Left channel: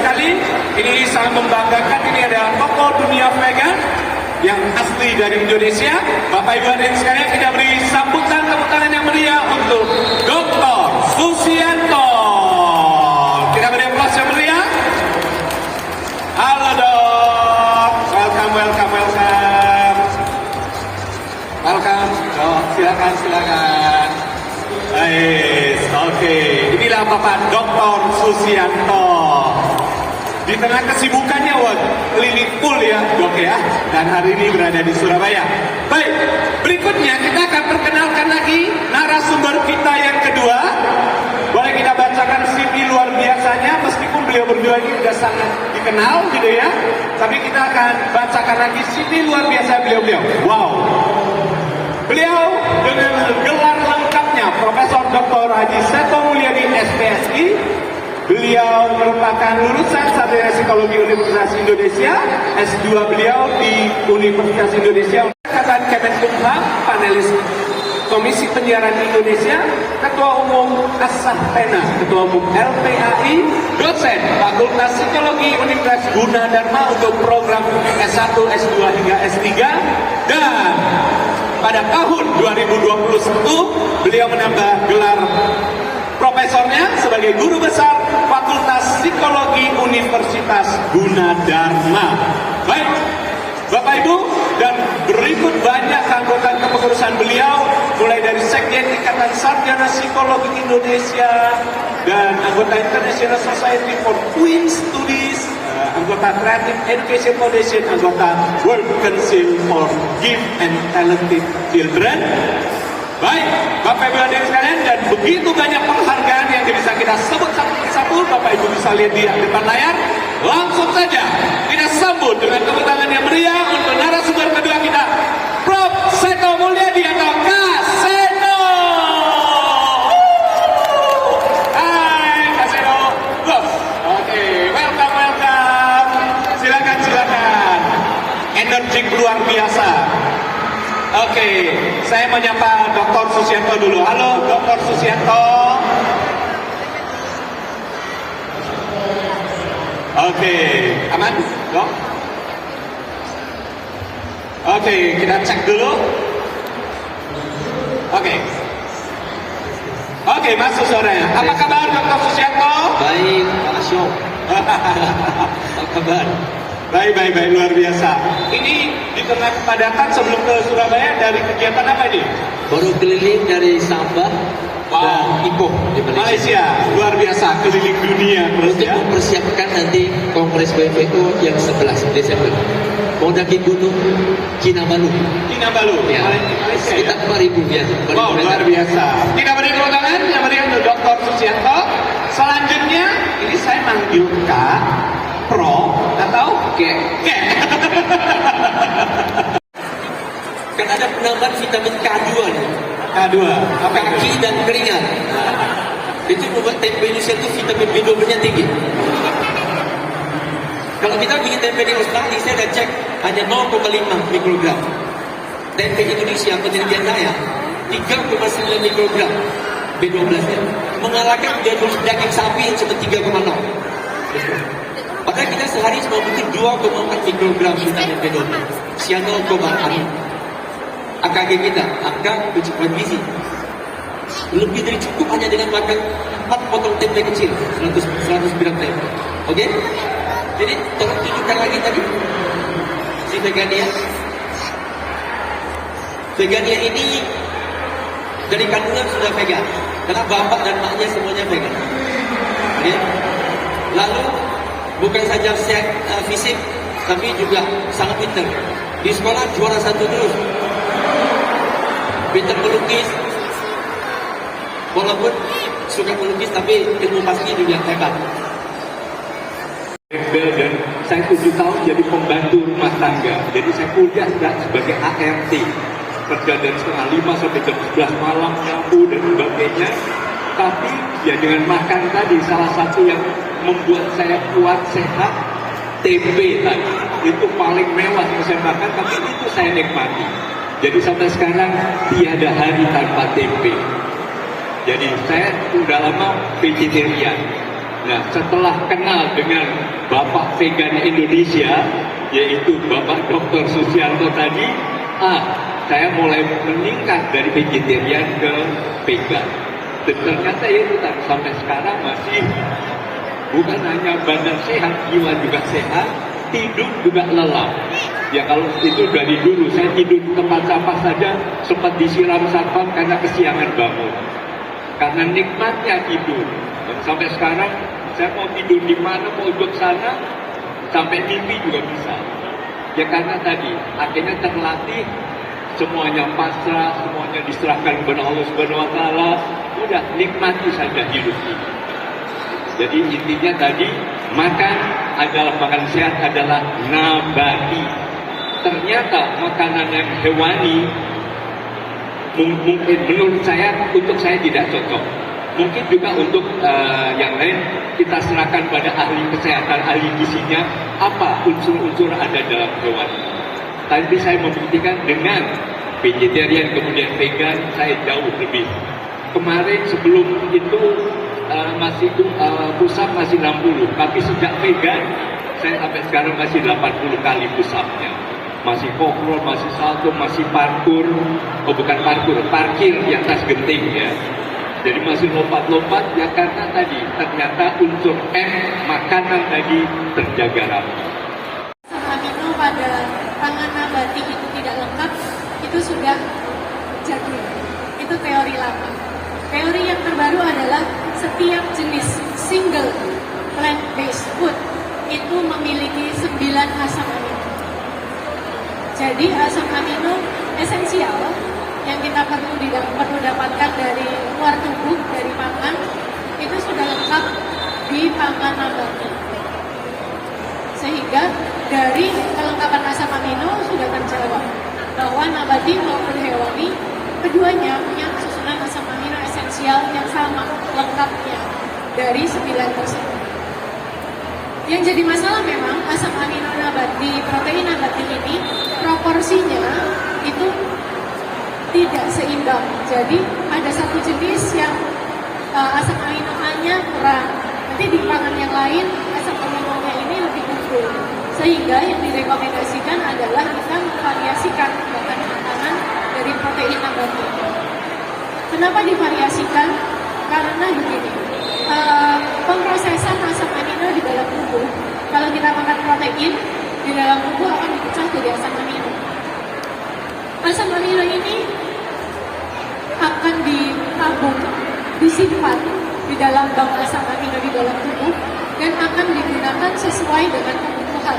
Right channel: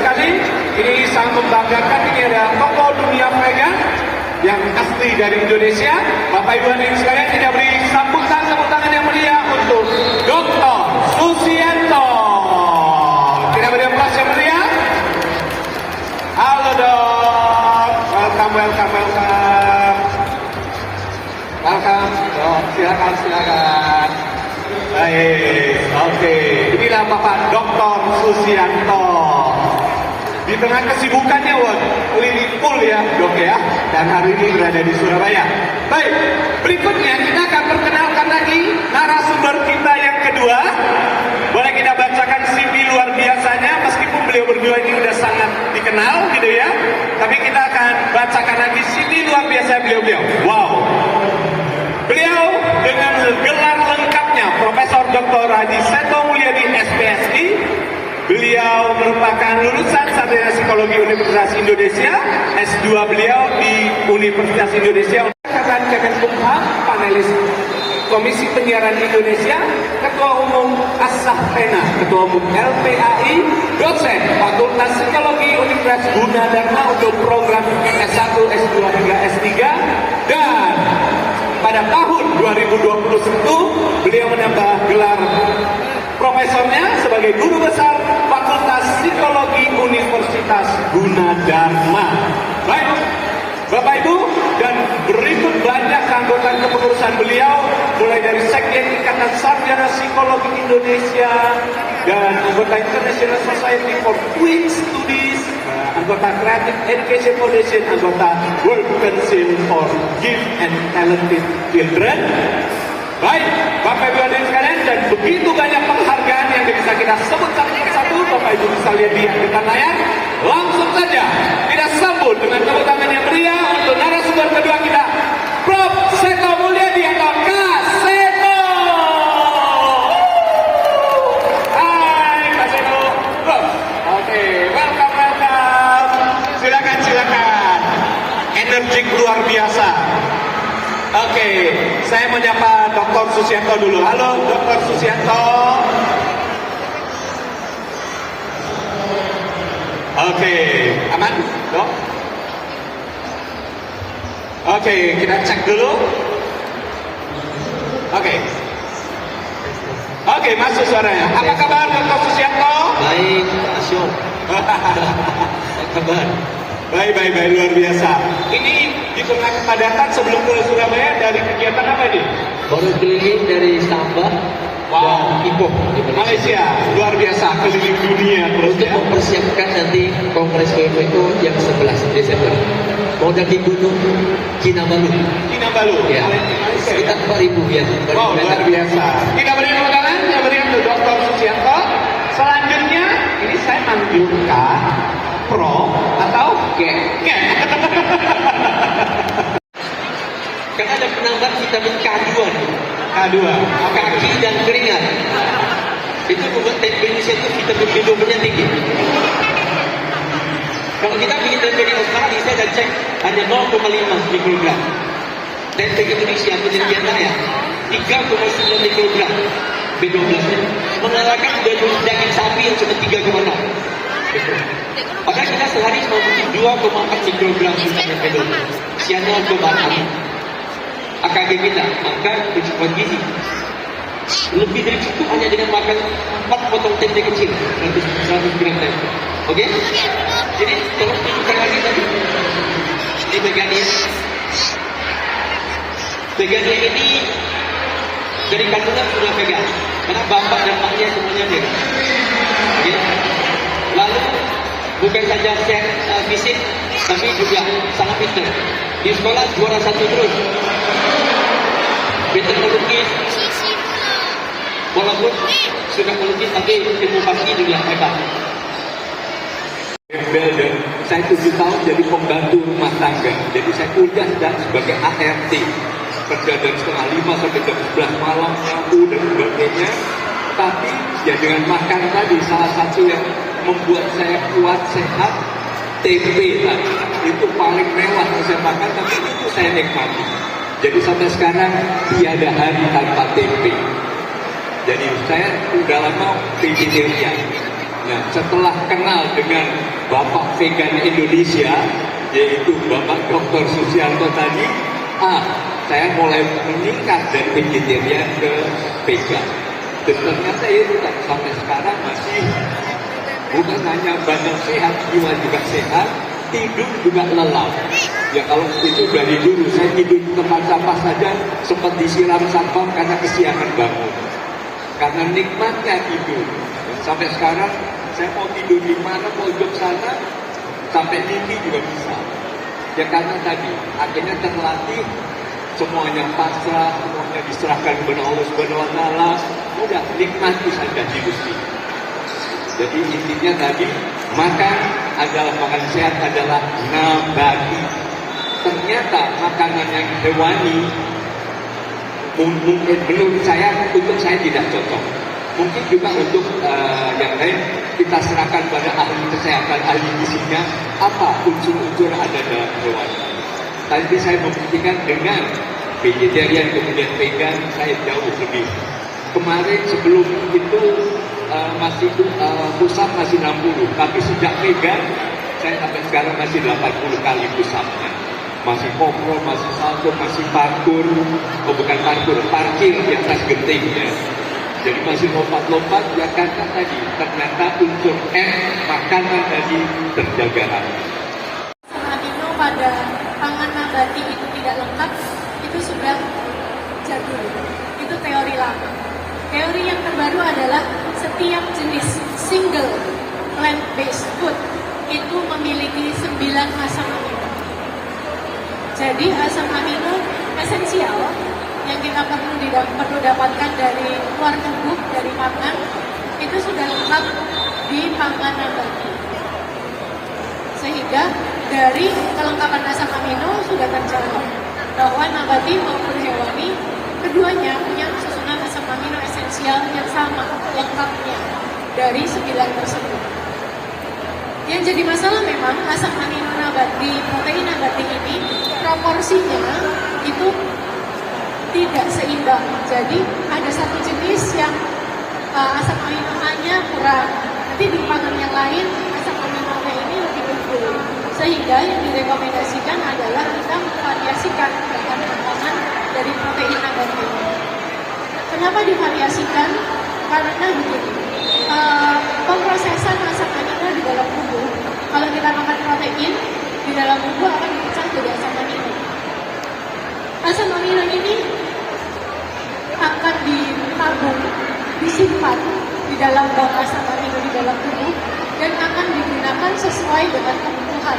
sekali, ini sangat membanggakan. Ini adalah tokoh dunia vegan yang asli dari Indonesia. Bapak Ibu hadirin sekalian, kita beri sambutan tepuk tangan yang meriah untuk Dr. Susianto. Kita beri aplaus yang meriah. Halo dok, welcome. Dok, silakan. Baik, oke. Inilah Bapak Dr. Susianto. Di tengah kesibukannya, keliling full ya dok ya. Dan hari ini berada di Surabaya. Baik, berikutnya kita akan perkenalkan lagi narasumber kita yang kedua. Boleh kita bacakan CV luar biasanya, meskipun beliau berdua ini sudah sangat dikenal gitu ya. Tapi kita akan bacakan lagi CV luar biasa beliau. Wow. Beliau dengan gelar lengkapnya Profesor Dr. Haji Seto Mulyadi SPSI. Beliau merupakan lulusan Sarjana Psikologi Universitas Indonesia, S2 beliau di Universitas Indonesia. Angkatan Kemenkumham, panelis Komisi Penyiaran Indonesia, Ketua Umum As-Sahtena, Ketua Umum LPAI, dosen Fakultas Psikologi Universitas Gunadarma untuk program S1, S2 hingga S3, dan pada tahun 2021 beliau menambah gelar profesornya sebagai guru besar Fakultas Psikologi Universitas Gunadarma. Baik, Bapak Ibu, dan berikut banyak keanggotaan kepengurusan beliau, mulai dari Sekjen Ikatan Sarjana Psikologi Indonesia dan anggota International Society for Twin Studies, anggota Creative Education Foundation, anggota World Council for Gift and Talented Children. Baik, Bapak Ibu hadirin sekalian, dan begitu banyak penghargaan yang bisa kita sebut satu-satu. Bapak Ibu bisa lihat di depan layar. Langsung saja kita sambut dengan tepuk tangan yang meriah untuk narasumber kedua kita, Prof. Seto Mulyadi atau Kak Seto. Hai Kak Seto. Oke, welcome. Silakan. Energik luar biasa. Oke, saya menyapa Dr. Susianto dulu. Halo Dr. Susianto. Oke, aman dok? Oke, kita cek dulu. Oke, masuk suaranya. Apa kabar Dr. Susianto? Baik, Pak Asyok. Apa kabar? Baik, luar biasa. Ini di tengah kepadatan sebelum ke Surabaya dari kegiatan apa nih? Baru keliling dari Sabah dan Ipoh di Malaysia. Luar biasa, keliling dunia terus untuk ya. mempersiapkan nanti Kongres PFPU yang 11 Desember. Mau daki gunung Kinabalu. Ya, Malaysia ya. sekitar 4.000 ya. Wow, luar biasa. Kita beri tepuk tangan, yang beri untuk Dr. Susianto. Selanjutnya, ini saya manggil Kak, Pro, atau Kek. Kan ada penambahan vitamin K2 nih. K2, oke. Kaki dan keringat. Itu membuat tempe Indonesia itu vitamin B12-nya tinggi. Kalau kita bikin tempe di Australia, saya sudah cek hanya 0,5 mikrogram. Tempe Indonesia penelitian saya 3,9 mikrogram B12-nya, mengalahkan daging sapi yang cuma 3,6. Padahal kita sehari cuma mungkin 2,4 mikrogram vitamin B12. Cyanocobalamin. AKG kita, angka kecukupan gizi. Lebih dari cukup hanya dengan makan 4 potong tempe kecil, 100 gram tempe. Oke? Jadi tolong tunjukkan lagi tadi di Vegania. Vegania ini dari kandungan sudah vegan, karena bapak dan maknya semuanya vegan. Oke? Lalu bukan saja sehat fisik, tapi juga sangat pintar. Di sekolah juara 1 terus. Pintar melukis. Walaupun sudah melukis, tapi ilmu pasti juga hebat. Dan saya 7 tahun jadi pembantu rumah tangga. Jadi saya kuliah dan sebagai ART. Kerja dari setengah 5 sampai jam 11 malam, nyapu dan sebagainya. Tapi ya dengan makan tadi, salah satu yang membuat saya kuat, sehat, tempe tadi. Itu paling mewah yang saya makan, tapi itu saya nikmati. Jadi sampai sekarang tiada hari tanpa tempe. Jadi saya udah lama vegetarian. Nah, setelah kenal dengan Bapak Vegan Indonesia, yaitu Bapak Dr. Susianto tadi, saya mulai meningkat dari vegetarian ke vegan. Dan ternyata itu sampai sekarang masih bukan hanya badan sehat, jiwa juga sehat, tidur juga lelap. Ya kalau itu dari dulu, saya tidur di tempat sampah saja sempat disiram satpam karena kesiangan bangun. Karena nikmatnya tidur. Dan sampai sekarang saya mau tidur di mana, mau hidup sana, sampai mimpi juga bisa. Ya karena tadi akhirnya terlatih, semuanya pasrah, semuanya diserahkan kepada Allah Subhanahu Wa Taala. Udah nikmati saja hidup ini. Jadi intinya tadi makan adalah makan sehat adalah nabati. Ternyata makanan yang hewani mungkin menurut saya untuk saya tidak cocok. Mungkin juga untuk yang lain kita serahkan pada ahli kesehatan, ahli gizinya apa unsur-unsur ada dalam hewan. Tadi saya membuktikan dengan vegetarian kemudian vegan saya jauh lebih. Kemarin sebelum itu masih pusat masih 60, tapi sejak vegan saya sampai sekarang masih 80 kali pusatnya. Masih pokok, masih salto, masih parkur, bukan parkur, parkir di atas genting ya. Jadi masih lompat-lompat ya karena tadi ternyata unsur makanan tadi terjaga rapi. Amino pada pangan nabati itu tidak lengkap, itu sudah jadul. Itu teori lama. Teori yang terbaru adalah setiap jenis single plant-based food itu memiliki 9 asam amino. Jadi asam amino esensial yang kita perlu dapatkan dari luar tubuh, dari pangan, itu sudah lengkap di pangan nabati. Sehingga dari kelengkapan asam amino sudah terjawab bahwa nabati maupun hewani keduanya punya susunan asam amino esensial yang sama lengkapnya dari 9 tersebut. Yang jadi masalah memang asam amino nabati, protein nabati ini proporsinya itu tidak seimbang. Jadi ada satu jenis yang asam amino A-nya kurang. Nanti di pangan yang lain asam amino-nya ini lebih gede. Sehingga yang direkomendasikan adalah kita memvariasikan bahan makanan dari protein nabati. Kenapa divariasikan? Karena begini. Pemrosesan asam amino di dalam tubuh, kalau kita makan protein di dalam tubuh akan dipecah jadi asam amino. Asam amino ini akan ditabung, disimpan di dalam bank asam amino di dalam tubuh dan akan digunakan sesuai dengan kebutuhan.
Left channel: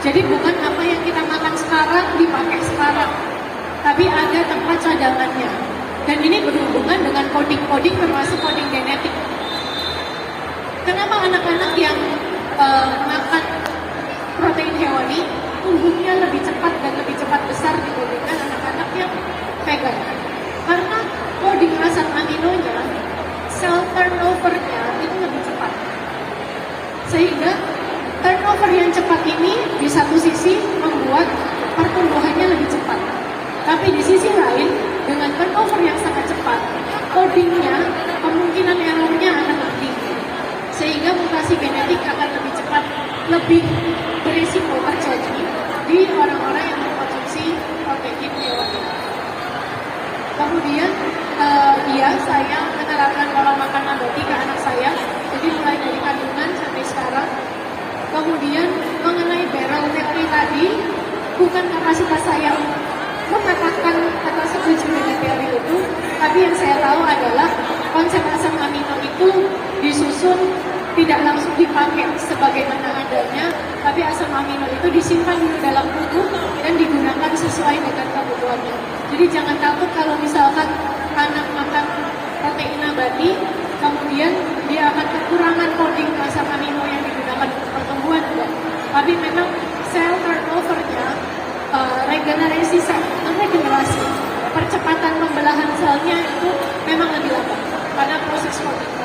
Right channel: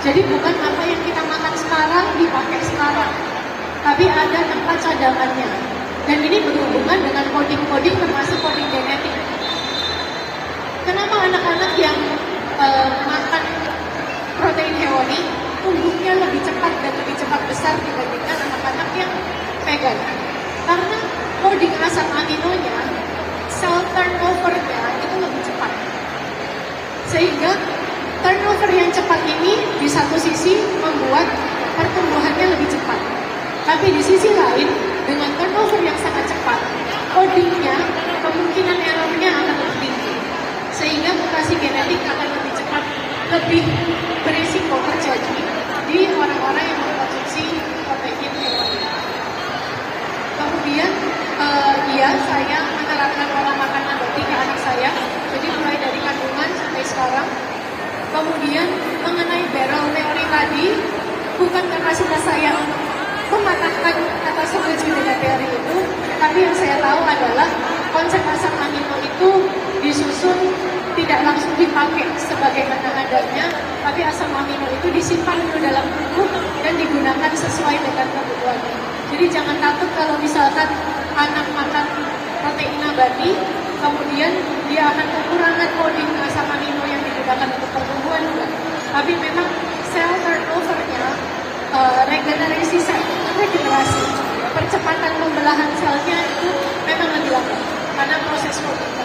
Jadi bukan apa yang kita makan sekarang dipakai sekarang, tapi ada tempat cadangannya. Dan ini berhubungan dengan coding-coding termasuk coding genetik. Kenapa anak-anak yang makan protein hewani tumbuhnya lebih cepat dan lebih cepat besar dibandingkan anak-anak yang vegan? Karena coding asam aminonya, cell turnover-nya itu lebih cepat. Sehingga turnover yang cepat ini di satu sisi membuat pertumbuhannya lebih cepat. Tapi di sisi lain, dengan turnover yang sangat cepat, codingnya, kemungkinan errornya akan lebih tinggi. Sehingga mutasi genetik akan lebih cepat, lebih berisiko terjadi di orang-orang yang mengkonsumsi protein hewani. Kemudian, saya menerapkan pola makan nabati ke anak saya, jadi mulai dari kandungan sampai sekarang. Kemudian mengenai barrel teori tadi, bukan karena sudah saya mengatakan atau setuju dengan teori itu, tapi yang saya tahu adalah konsep asam amino itu disusun tidak langsung dipakai sebagaimana adanya, tapi asam amino itu disimpan di dalam tubuh dan digunakan sesuai dengan kebutuhannya. Jadi jangan takut kalau misalkan anak makan protein nabati, kemudian dia akan kekurangan coding asam amino yang digunakan untuk pertumbuhan, enggak. Tapi memang sel turnover-nya, regenerasi percepatan pembelahan selnya itu memang lebih lambat karena proses coding.